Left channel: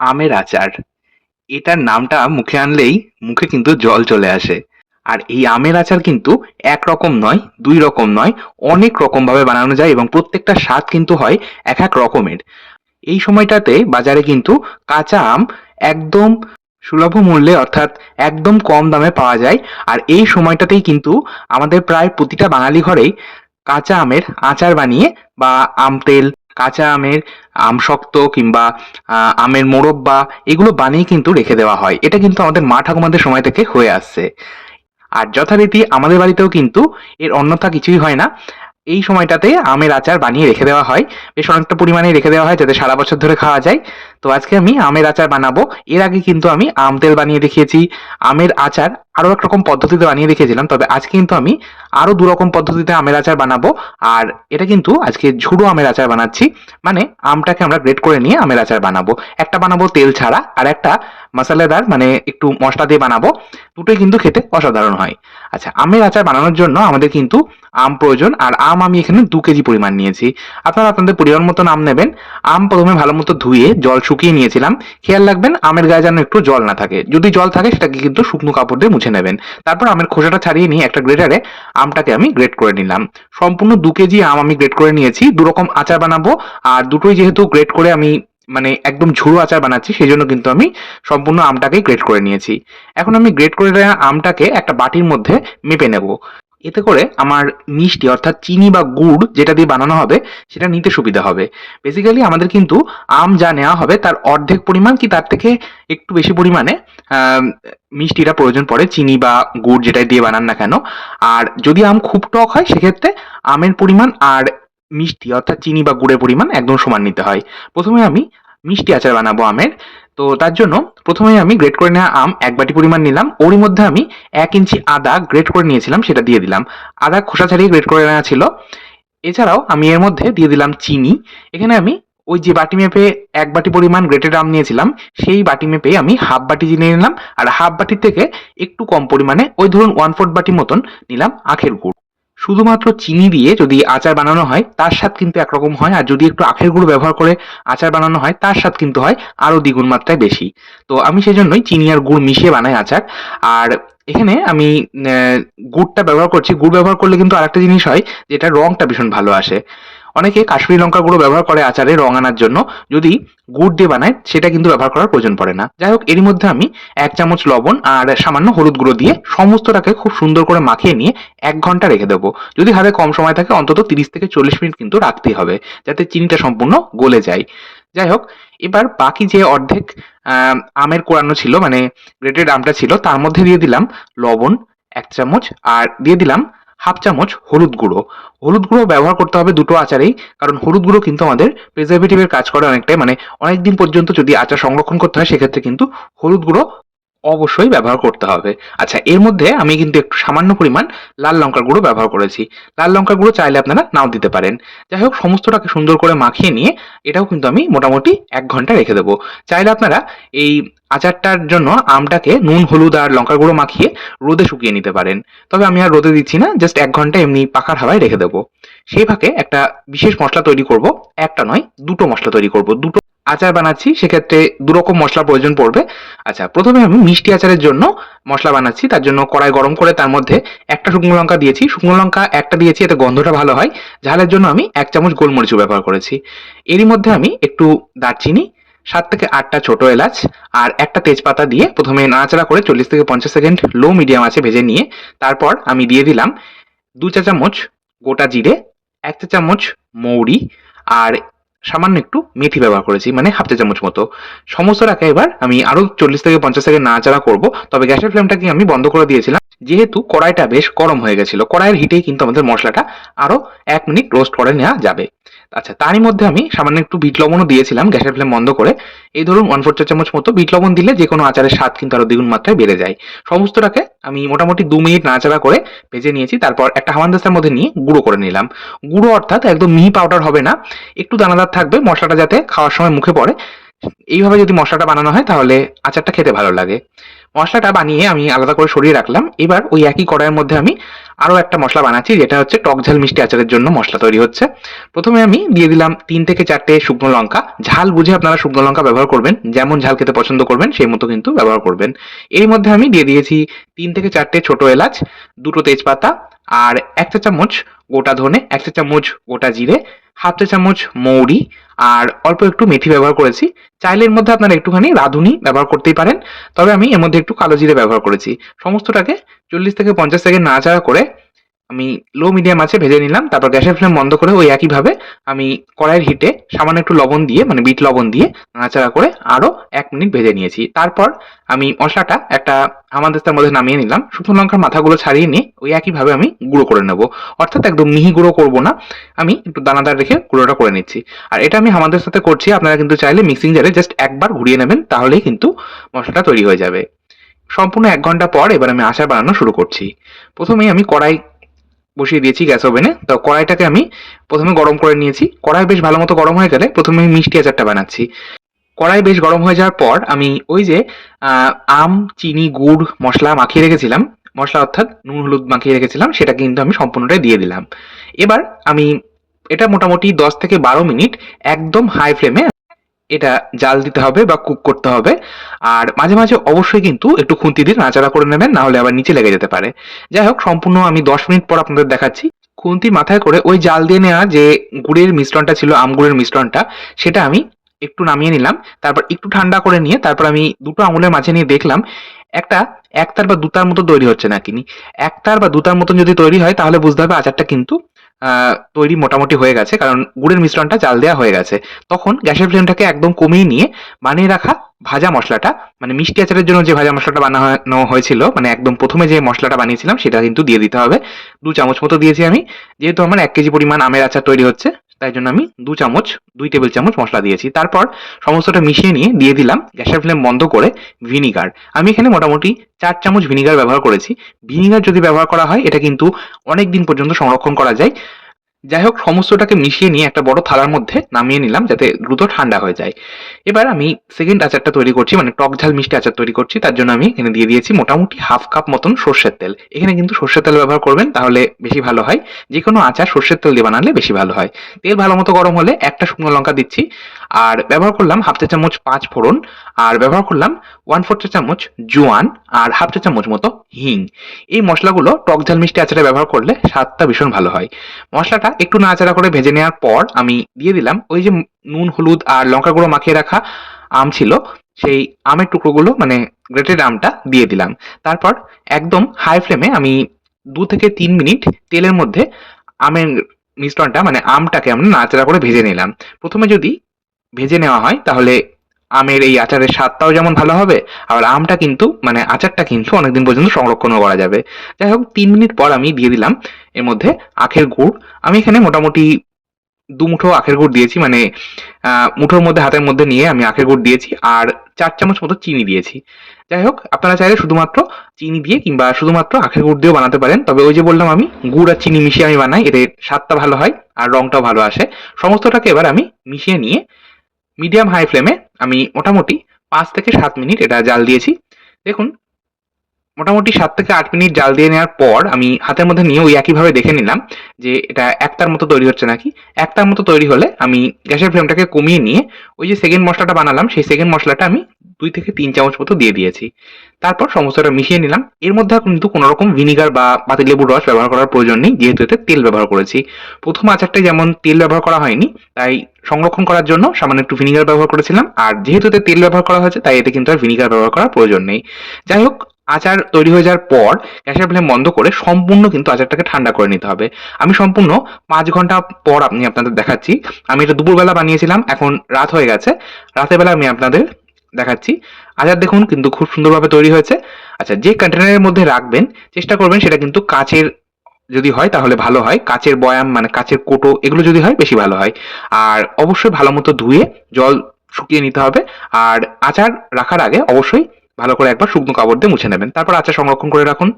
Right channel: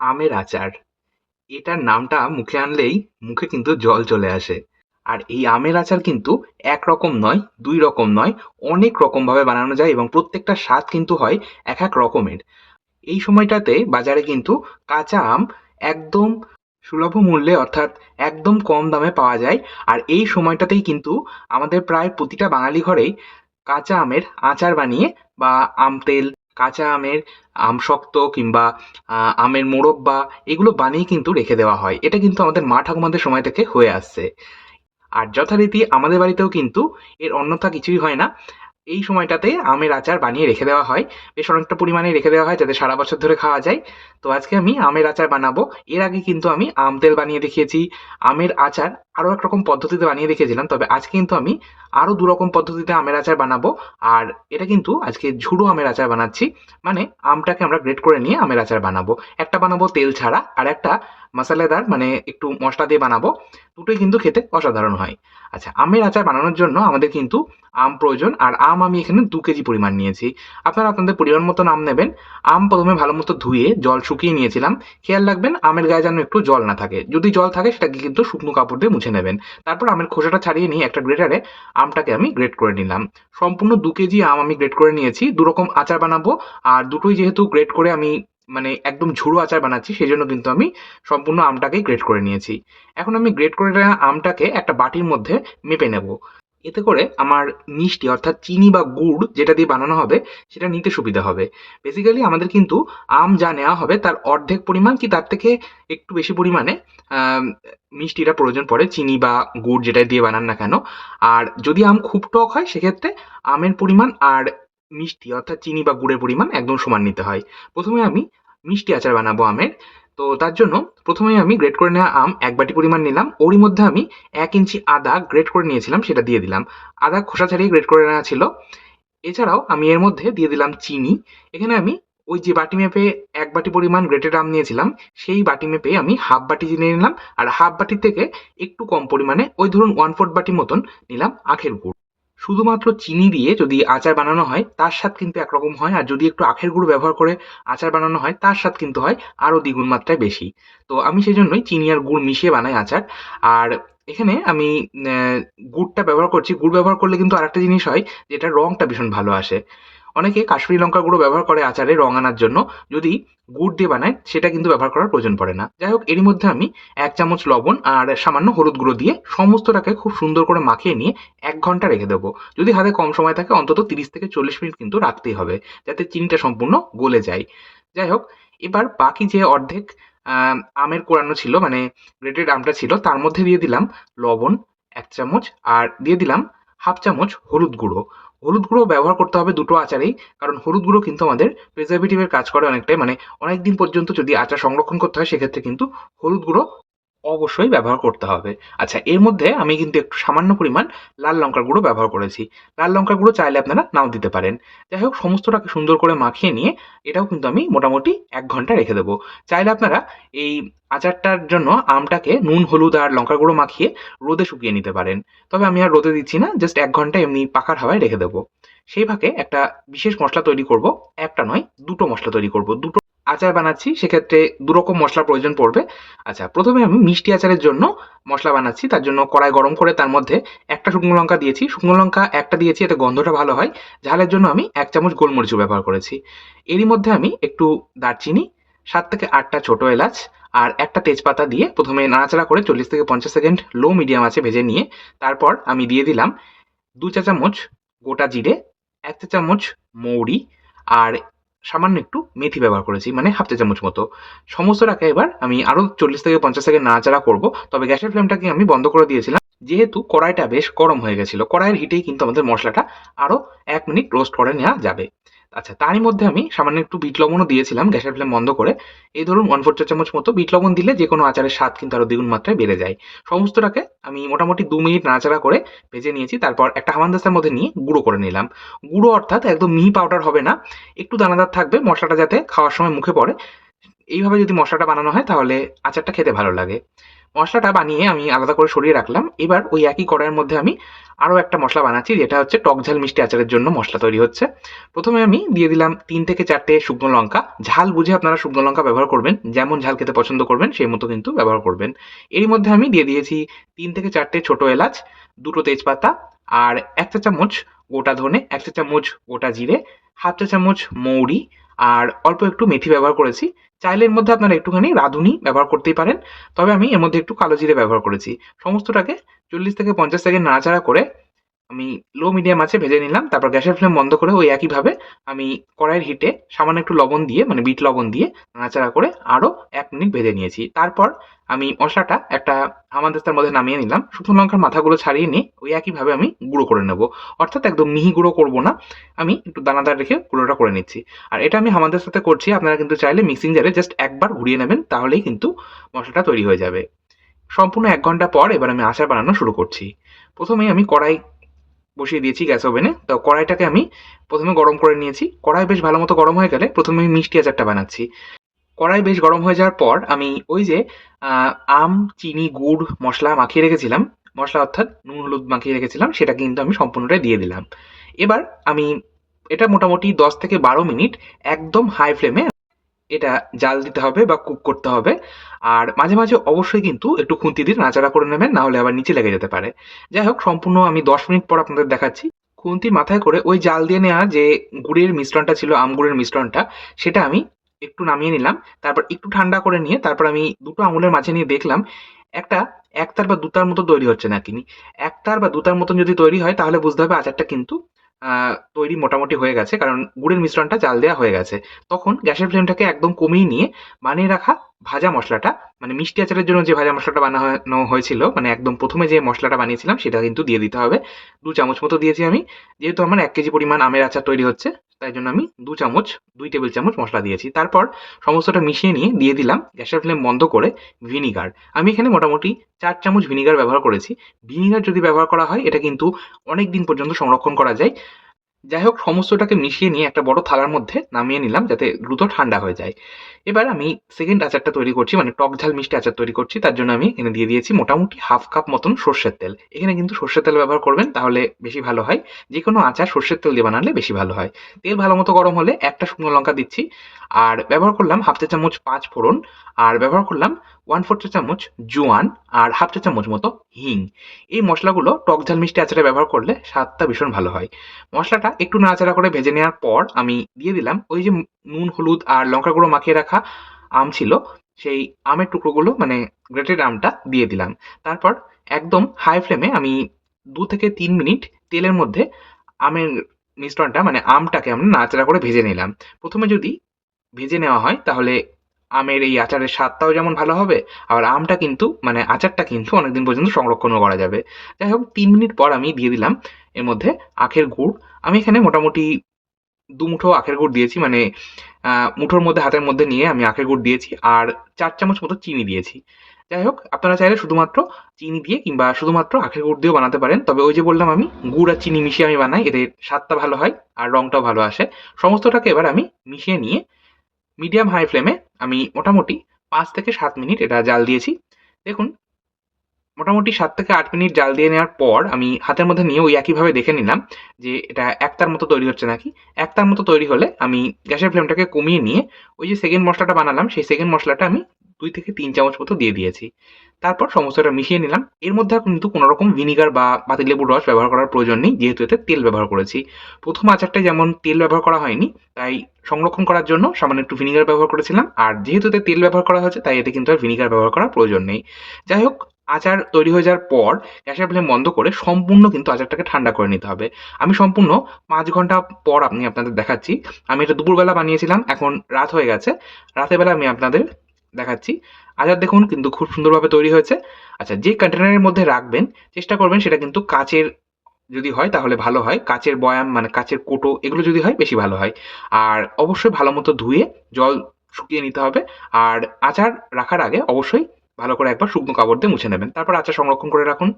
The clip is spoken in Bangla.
আমের আচার। এটার নামটা মুখে আনলেই মুখে কিন্তু জল চলে আসে। আর এই আমের আচার কিন্তু এক রকম নয়, দুই রকম নয়, অনেক রকম ভাবে বানানো যায় এবং প্রত্যেকটা স্বাদ কিন্তু হয় এক এক রকমের। এই সময়টাতে বাজারে কিন্তু কাঁচা আম একদম সুলভ মূল্যে অর্থাৎ একদম কম দামে পাওয়া যায়। আর এই সময়টাতেই কিন্তু আমাদের প্রায় প্রতিটা বাঙালি ঘরেই কাঁচা আমের আচার বানিয়ে বা আম তেল কাঁচা আমের আম শক্ত কিংবা আমের মোরব্বা এগুলো বানিয়ে কিন্তু রেখে দেওয়া হয়। এটা কিন্তু আমাদের মা ঠাকুমাদের সময় থেকে হয়ে আসছে। আর যথারীতি আমাদের বাড়িতেও কিন্তু এর অন্যথা কিছুই হয় না। এই সময়টাতে আমের আচার বানিয়ে রেখে দেওয়া হয়। বেশ অনেকটা পরিমাণে রেখে দেওয়া হয় যাতে সারা বছর ধরে খাওয়া যায়। তো আজকে আমি আমের আচার বানাবো। এর আগে কিন্তু আমি আম তেল বানিয়ে দেখিয়েছি। আমের আচার আরও এক রকম পদ্ধতিতে বানিয়ে দেখিয়েছিলাম, তবে আজকে কিন্তু আমি আরও দু রকম পদ্ধতিতে আমের আচার বানাবো। আর এটা কিন্তু আজকে ঝুড়ো আমের আচার বানাচ্ছি মানে আমটাকে আমরা গ্রেট করে নিয়ে আমের আচার বানাবো। একটা বানাবো তেল ছাড়া, আর একটা মশলাদার মানে একটু মশলা দিয়ে বানাবো। দুটোই কিন্তু খেতে অসাধারণ হয়। আচ্ছা আমের আচার বানানোর জন্য আমাদের কিন্তু আম প্রয়োজন, আর আম আমি এখানে দু কেজি পরিমাণ নিয়েছি। আপনারা আপনাদের পরিমাণ মতন আম নেবেন। আম প্রথমে ভালো মতো ধুয়ে জল শুকিয়ে নিয়েছিলাম। খেয়াল রাখবেন, আমের গায়ে যেন একটু জল না থাকে। যদি জল থাকে, সেটাকে কিন্তু শুকনো কাপড় দিয়ে মুছে নেবেন। তারপর আমের খোসাটা ছাড়িয়ে নিয়ে একটা গ্রেটারে আমটাকে আমি গ্রেট করে নিলাম। সম্পূর্ণ দু কেজি আম আমি গ্রেট করে নিয়েছি। দু রকম আচার বানাবো। আর দুটোই যেহেতু গ্রেট করে আমি মানে একদম ঝুড়ো আচার বানাচ্ছি সেই জন্য কিন্তু আমি সম্পূর্ণ আমটাকেই গ্রেট করে নিয়েছি। এখন আমি গ্রেট করে আমটাকে একটা বাটির মধ্যে মেপে নেব। এতে করে আমার মিষ্টি, অর্থাৎ চিনি বা গুড় যেটা দিয়ে বানানো হবে, সেটা নিতে সুবিধা হবে। বেসিক্যালি আমাদের কিন্তু আম যা নেওয়া হবে, তার অর্ধেক পরিমাণ কি তার থেকে একটু বেশি পরিমাণে মিষ্টিটা প্রয়োজন পড়ে, চিনি বা গুড় যেটা দিয়ে বানান না কেন। আর যদি আম খুব টক হয়, সেক্ষেত্রে আমের পরিমাণ আর মিষ্টি, অর্থাৎ চিনি বা গুড়ের পরিমাণ একদম সমান নিতে হয়। প্রথমে আমি মিষ্টি আচার বানাবো আমের। তো তার জন্য প্রথমে আমি গ্রেট করে নেওয়া আম এক বাটি পরিমাণ নিলাম। ওরই মধ্যে আমি এক ইঞ্চি আদা গ্রেট করে নিয়েছিলাম, সেটা দিয়ে দিলাম। আদা খোসা ছাড়িয়ে গ্রেট করে নেওয়া ছিল। এছাড়াও আমি এর মধ্যে দিয়ে দিলাম চিনি। এখানে আমি ওই যে বাটি মেপে এক বাটি পরিমাণ গ্রেটেড আম নিয়েছিলাম, সেই বাটি মেপে আমি হাফ বাটি চিনি নিলাম। আর হাফ বাটির থেকে একটু কম পরিমাণে ওই ধরুন ওয়ান ফোর্থ বাটি মতন নিলাম আখের গুড়। শুধুমাত্র চিনি দিয়ে যদি আচার বানানো হয়, তার স্বাদ কিন্তু একরকম হয়। আর যদি একটু আখের গুঁড়ো ব্যবহার করে আচার বানানো হয়, তার স্বাদ কিন্তু হয় আরও দ্বিগুণ মাত্রায় বেশি। তো আমি সেই জন্যই চিনি আর গুড় মিশিয়ে বানাই আচার। আর এখানে আমি গুড়টা ব্যবহার করছি। গুড় ব্যবহার করলে কিন্তু আরেকটা জিনিস হয়, যেটা রংটা ভীষণ ভালো আসে। অনেকে কাশ্মীরি লঙ্কা গুঁড়ো ব্যবহার করে আচারে রং আনার জন্য। যদি গুড় দিয়ে বানায়, সেটা কিন্তু ব্যবহার করার প্রয়োজন পড়ে না। যাই হোক, এরই মধ্যে আমি এক চামচ লবণ আর সামান্য হলুদ গুঁড়ো দিয়ে সমস্তটাকে খুব সুন্দর করে মাখিয়ে নিয়ে এক ঘণ্টা রেখে দেবো। যদি হাতে কম সময় থাকে, অন্তত তিরিশ থেকে চল্লিশ মিনিট কিন্তু রাখতেই হবে, যাতে চিনিটা সম্পূর্ণ গলে যায়। যাই হোক, এবার বাকি যে অর্ধেক আমের কোরানো ছিল মানে গ্রেটেড আমটা ছিল, তার মধ্যে দিয়ে দিলাম লবণ এক চামচ, আর দিয়ে দিলাম হাফ চামচ হলুদ গুঁড়ো। হলুদ গুঁড়ো ব্যবহার করতে হবে দুটো আচারেই, কারণ হলুদ গুঁড়ো কিন্তু আমাদের প্রিজারভেটিভের কাজ করে অনেকটাই। মানে অনেকদিন পর্যন্ত যদি আচার সংরক্ষণ করতে হয়, সেক্ষেত্রে কিন্তু হলুদ গুঁড়ো অবশ্যই ব্যবহার করতে হবে। আচ্ছা এর মধ্যে আমি কিন্তু একটু সামান্য পরিমাণ লাল লঙ্কার গুঁড়ো ব্যবহার করেছি। লাল লঙ্কার গুঁড়ো চাইলে আপনারা নাও দিতে পারেন। যাই হোক, সমস্তটাকে সুন্দর করে মাখিয়ে নিয়ে এটাও কিন্তু আমি মোটামুটি এক ঘণ্টা রেখে দেবো। চাইলে আপনারা এই আচারটার জন্য আমটাকে নুন, হলুদ আর লঙ্কার গুঁড়ো মাখিয়ে রোদে শুকিয়ে নিতে পারেন। তবে আমি আর রোদে দিচ্ছি না, জাস্ট এক ঘণ্টা এমনি পাকার হাওয়ায় রেখে দেবো। সেই ফাঁকে একটা বিশেষ মশলা তৈরি করব, একটা নয়, দুটো মশলা তৈরি করব, দুটো আচার বানাচ্ছি, সেক্ষেত্রে দু রকম মশলার প্রয়োজন পড়বে। আচ্ছা প্রথমে আমি মিষ্টি আচারের জন্য মশলা বানাচ্ছি, তার জন্য কড়াই গরম করে তার মধ্যে একটা শুকনো লঙ্কা দিয়েছি। শুকনো লঙ্কা একটা দিয়েছি, এতে গন্ধটা ভালো হয়। ঝালের জন্য আমি এক চামচ গোলমরিচও ব্যবহার করেছি। এরই মধ্যে আমি একটু দারচিনি, সাত থেকে আটটা ছোট এলাচ আর একটা তেজপাতা দিয়ে প্রথমে নাড়াচাড়া করে চল্লিশ থেকে পঞ্চাশ সেকেন্ড লো মিডিয়াম আছে ভেজে নিয়ে তারপর আমি দিয়ে দিলাম দু চা চামচ গোটা জিরে, এক চা চামচ মৌরি আর সামান্য একটু মেথি ব্যবহার করেছি মানে হাফ চা চামচ মতো। সমস্তটাকে এবার আমি আরও চল্লিশ থেকে পঞ্চাশ সেকেন্ড নাড়াচাড়া করব, তবে গ্যাসের ফ্লেমটাকে আমি বন্ধ করে দিয়েছিলাম। যেহেতু কড়াইটা বেশ গরম হয়ে গেছিল, কড়াইয়ের হিটেই কিন্তু আমাদের মশলাটা আরও এক মিনিট রোস্ট করে নেওয়া যাবে। আচ্ছা তারই মধ্যে আমি সামান্য একটু বিট লবণও দিয়েছিলাম, গ্যাসের ফ্লেম বন্ধ করে। এই ধরুন ওয়ান ফোর চামচ মতো বিট লবণ দিলে যে কোনো আচারের স্বাদ কিন্তু আরও দ্বিগুণ মাত্রায় বেড়ে যায়। সমস্তটাকে আমি মোটামুটি দু মিনিট নাড়াচাড়া করে ভেজে নিয়েছি, তারপর একটা হামানদাস্তার মধ্যে নিয়ে গুঁড়ো করে নিলাম। গুঁড়ো অর্থাৎ একদম মিহি পাউডার হবে না, একটু দানাদার থাকবে, মশলাটা যাতে খাওয়ার সময় মুখে পড়ে। এইভাবে যদি মশলাটা বানানো হয় তাহলে আচারটা খেতে ভালো লাগে। মশলাটা বানিয়ে আমি আলাদা করে সরিয়ে রাখলাম। এবার ওই একই কড়াইয়ের মধ্যে আমি আরও একটা মশলা বানাচ্ছি, যেটা হচ্ছে টক ঝাল মিষ্টি আচারের জন্য মশলা তৈরি হচ্ছে। প্রথমে আমি দিয়ে দিলাম তিন থেকে চারটে শুকনো লঙ্কা। ঝাল বুঝে আপনারা শুকনো লঙ্কা ব্যবহার করবেন, যেমন ঝাল খেতে পছন্দ করবেন, সেই মতো কিন্তু ব্যবহার করবেন। এর মধ্যে আমি দিয়ে দিয়েছি তিন থেকে চারটে ছোট এলাচ, দুটো তেজপাতা আর এক চা চামচ গোটা ধনে, এক চা চামচ গোটা জিরে, হাফ চা চামচ মৌরি আর অল্প একটু মেথি ব্যবহার করেছি। চাইলে এর মধ্যে আপনারা একটুখানি রাঁধুনি ব্যবহার করতেই পারেন। তবে আমি এর মধ্যে একটু কালো জিরে ব্যবহার করেছি। সমস্তটাকে চল্লিশ থেকে পঞ্চাশ সেকেন্ড নাড়াচাড়া করে আমি লো মিডিয়াম আছে, ভেজে নিলাম। তারপর গ্যাসের ফ্লেম বন্ধ করে ওই একইভাবে আমি কড়াইয়ের হিটে সামান্য একটু লবণ দিয়ে মানে বিট লবণ দিয়ে নাড়াচাড়া করে আরও এক মিনিট ভেজে নিয়েছি। তারপর আমি মশলাটা একটা হামানদিস্তার মধ্যে নামিয়ে নিলাম। শুকনো লঙ্কার মাথাগুলো ছাড়িয়ে নিয়ে ওই একইভাবে আমি গুঁড়ো করে নেব। অর্থাৎ একদম মিহি গুঁড়ো করব না। আমি একটু দানাদার রেখে গুঁড়োটা করে নিচ্ছি। আর এটা আমি আমাদের সাথে করছি, আপনারা কিন্তু চাইলে মিক্সিং জারে জাস্ট একবার ঘুরিয়ে নেবেন, তাহলেই কিন্তু মশলাটা তৈরি হয়ে যাবে। সম্পূর্ণ এক ঘণ্টা পর এবার আমি আচার বানানো শুরু করছি। প্রথমেই আমি কড়াই বসিয়ে দিয়েছি গ্যাস ওভেনে তো কড়াইটাকে আমি প্রথমে গরম করে নিয়েছি। কড়াই বেশ ভালো মতো গরম হয়ে গেলে প্রথমে মিষ্টি আচারটা বানাচ্ছি। কড়াই বেশ গরম হয়ে যাওয়ার পর আমি ওই যে আম, চিনি, গুড়, মশলা মাখিয়ে রেখেছিলাম। মশলা অর্থাৎ নুন, হলুদ মাখিয়ে রেখেছিলাম। সেটা কিন্তু আমি সম্পূর্ণটাই দিয়ে দিলাম। এবার আমি, এটা মোটামুটি দশ থেকে বারো মিনিট একদম হাই ফ্লেমে এটা জাল দিতে হবে বা কুক করতে হবে। আর মাঝে মাঝে অবশ্যই কিন্তু একটু খুন্তি দিয়ে নাড়াচাড়া করে নেবেন, না হলে আবার নিচে লেগে যেতে পারে। যাই হোক, সম্পূর্ণ আমি দশ মিনিট পর আপনাদের দেখাচ্ছি। খুন্তি মাথায় করে ওই জাল দিয়ে নেওয়া যে গুড়ের মিশ্রণটা ছিল, আম গুড়ের মিশ্রণটা, সেটা আমি একটু নামিয়ে নিলাম। তারপর একটু ঠান্ডা করে নিয়ে তারপর আমি দুটো আঙুলের মাঝে নিয়ে দেখলাম, একটা একতার বা দুতার মতো তৈরি হচ্ছে না? কিনি একতার বা দুতার মতন যদি তৈরি হয়, তাহলে বুঝতে হবে আচারটা কিন্তু তৈরি মোটামুটি হয়ে গেছে, কারণ গুড়ের মিশ্রণটা জাল দেওয়া হয়ে গেছে। তখন গ্যাসের ফ্লেমটাকে একদম কমিয়ে নিয়ে বানিয়ে রাখা ভাজা মশলাটা মানে মিষ্টি আচারের জন্য যে ভাজা মশলাটা বানানো হয়েছিল মানে একদম প্রথমে যে মশলাটা বানিয়েছিলাম সেটা কিন্তু দিয়ে দিতে হবে। দু চামচ মতো দিয়েছি আমি, যেহেতু আমার এক কেজি পরিমাণ আমের আচার তৈরি হচ্ছে। তাই জন্য আমি দু চামচ, দুই টেবিল চামচ মশলা দিয়েছি। তারপর সমস্তটা মিশিয়ে নিয়ে দিয়ে দিলাম গ্যাসের ফ্লেম বন্ধ করে ভিনিগার। আমি এখানে মোটামুটি চার চামচ ভিনিগার ব্যবহার করেছি। ভিনিগার যদি ব্যবহার করা হয়, এটা কিন্তু অনেক দিন পর্যন্ত সংরক্ষণ করা যায়। যাই হোক, সমস্তটাকে মিশিয়ে নিয়ে একটা বড় থালার মধ্যে নামিয়ে নিলাম যাতে দ্রুত ঠান্ডা হয়ে যায়। এবার আমি সেকেন্ড আচারটা তৈরি করছি মানে টক ঝাল মিষ্টি আচার তৈরি করছি, তার জন্য আমি এখানে দিয়ে দিয়েছি মোটামুটি হাফ কাপ মতন সর্ষের তেল। এখানে কিন্তু সর্ষের তেল ব্যবহার করবেন, তাহলে বেশি ভালো হয়। যে কোনো আচার সর্ষের তেল দিয়ে বানালে বেশি ভালো হয়। তেল ভালো মতো গরম হলে একটা শুকনো লঙ্কা দিচ্ছি। আর ব্যবহার করলাম হাফ চা চামচ পাঁচ ফোড়ন, আর ব্যবহার করলাম ওয়ান ফোর চা চামচ জোয়ান, আর হাফ চা চামচ মতো হিং। এই মশলাগুলো টক ঝাল মিষ্টি আচারে ব্যবহার করলে স্বাদটা ভীষণ ভালো হয়। মশলাটা একটু নাড়াচাড়া করে ভেজে নেওয়ার পর আমি দিয়ে দিলাম ওই যে নুন, হলুদ আর লঙ্কা গুঁড়ো মাখিয়ে রাখা আম ছিল, সেই আমের টুকরোগুলো মানে গ্রেটেড আমটা দিয়ে দিলাম। তারপর একদম হাই ফ্লেমে আমি দু থেকে তিন মিনিট তেলের মধ্যে আমের মিশ্রণটা মানে আমটাকে আমরা নাড়াচাড়া করে ভেজে নিলাম। প্রথমে যদি ভেজে নেওয়া হয়, তাহলে আমের এই আচারের স্বাদটাও যেমন ভালো হবে, আর আমটা কিন্তু মানে আচারটা কিন্তু অনেকদিন পর্যন্ত সংরক্ষণও করা যাবে। যাই হোক, তিন মিনিট পর আমি দিয়ে দিলাম, এর মধ্যে আখের গুড়। আমি এখানে মোটামুটি দু মুঠো আখের গুড় দিয়েছি মানে মুঠোর মধ্যে, হাতের মধ্যে নিয়ে আমি আখের গুড় দিয়েছি, আর চার চামচ মতো চিনি দিয়েছি। যাই হোক, আপনারা চাইলে শুধুমাত্র চিনি দিয়ে কিংবা শুধুমাত্র আখের গুড় দিয়েও বানাতে পারেন, তবে ওই যে বললাম আমি, গুড় আর চিনি মিশিয়ে আমি বানাই, এতে স্বাদটা ভালো হয়, আর রংটাও ভালো আসে। সমস্তটাকে এবার আমি মিশিয়ে নিয়ে মিডিয়াম হাই ফ্লেমে আমি মোটামুটি পাঁচ থেকে সাত মিনিট এটা জাল দিয়েছি। দেখুন, মোটামুটি সাত থেকে আট মিনিট জাল দিয়ে নেওয়ার পর আমি হাতের মধ্যে নিয়ে ওই একইভাবে দেখে নিলাম যে এটা একটার মতো তৈরি হচ্ছে নাকি। একটার মতো তৈরি হলে আমি গ্যাসের ফ্লেমটাকে কমিয়ে নিয়ে ওই যে সেকেন্ড মশলাটা বানালাম, সেই সেকেন্ড মশলাটা আমি দুই থেকে তিন চামচ মতো দিয়ে দিয়েছি। তারপর সমস্তটা মিশিয়ে নিলাম। এর মধ্যে কিন্তু কোনো রকম ভিনিগার বা পাতিলেবুর রস ব্যবহার করার প্রয়োজন নেই, যেহেতু এতে তেল ব্যবহার করেছি। প্রথম আচারটায় যেমন তেল ব্যবহার করা হয়নি, তাই সংরক্ষণ করার জন্য সামান্য একটু ভিনিগার ব্যবহার করেছিলাম। আর যেহেতু এতে তেল ব্যবহার করা হয়েছে, তাই এতে কিন্তু আর ভিনিগার ব্যবহার করার প্রয়োজন নেই। যাই হোক, আচার তৈরি হয়ে যাওয়ার পর গ্যাসের ফ্লেম বন্ধ করে সম্পূর্ণ কিন্তু আচারটাকে ঠান্ডা করে নিতে হবে। আমি সম্পূর্ণ পাঁচ ঘণ্টা পর আপনি আপনাদের দেখাচ্ছি। আমি এটা দুপুরবেলা বানিয়েছিলাম, এখন রাত হয়ে গেছে। রাতের বেলা আমি আপনাদের দেখাচ্ছি। আচার দেখুন কিন্তু খুব সুন্দরভাবে তৈরি হয়েছে। আচ্ছা যে কন্টেনারের মধ্যে রাখবেন, চেষ্টা করবেন সেটা কিন্তু কাচের যদি হয় তাহলে ভালো হয়। কাচের বয়াম মানে কাচের কোটো এগুলো যদি হয় বেশি ভালো হয়। আর অবশ্যই ভালো মতো ধুয়ে জল শুকিয়ে নিতে হবে। আর আচার রাখার আগে অবশ্যই ভালো করে একবার শুকনো কাপড় দিয়ে মুছে নেবেন। তারপর আচার সংরক্ষণ করে রাখুন।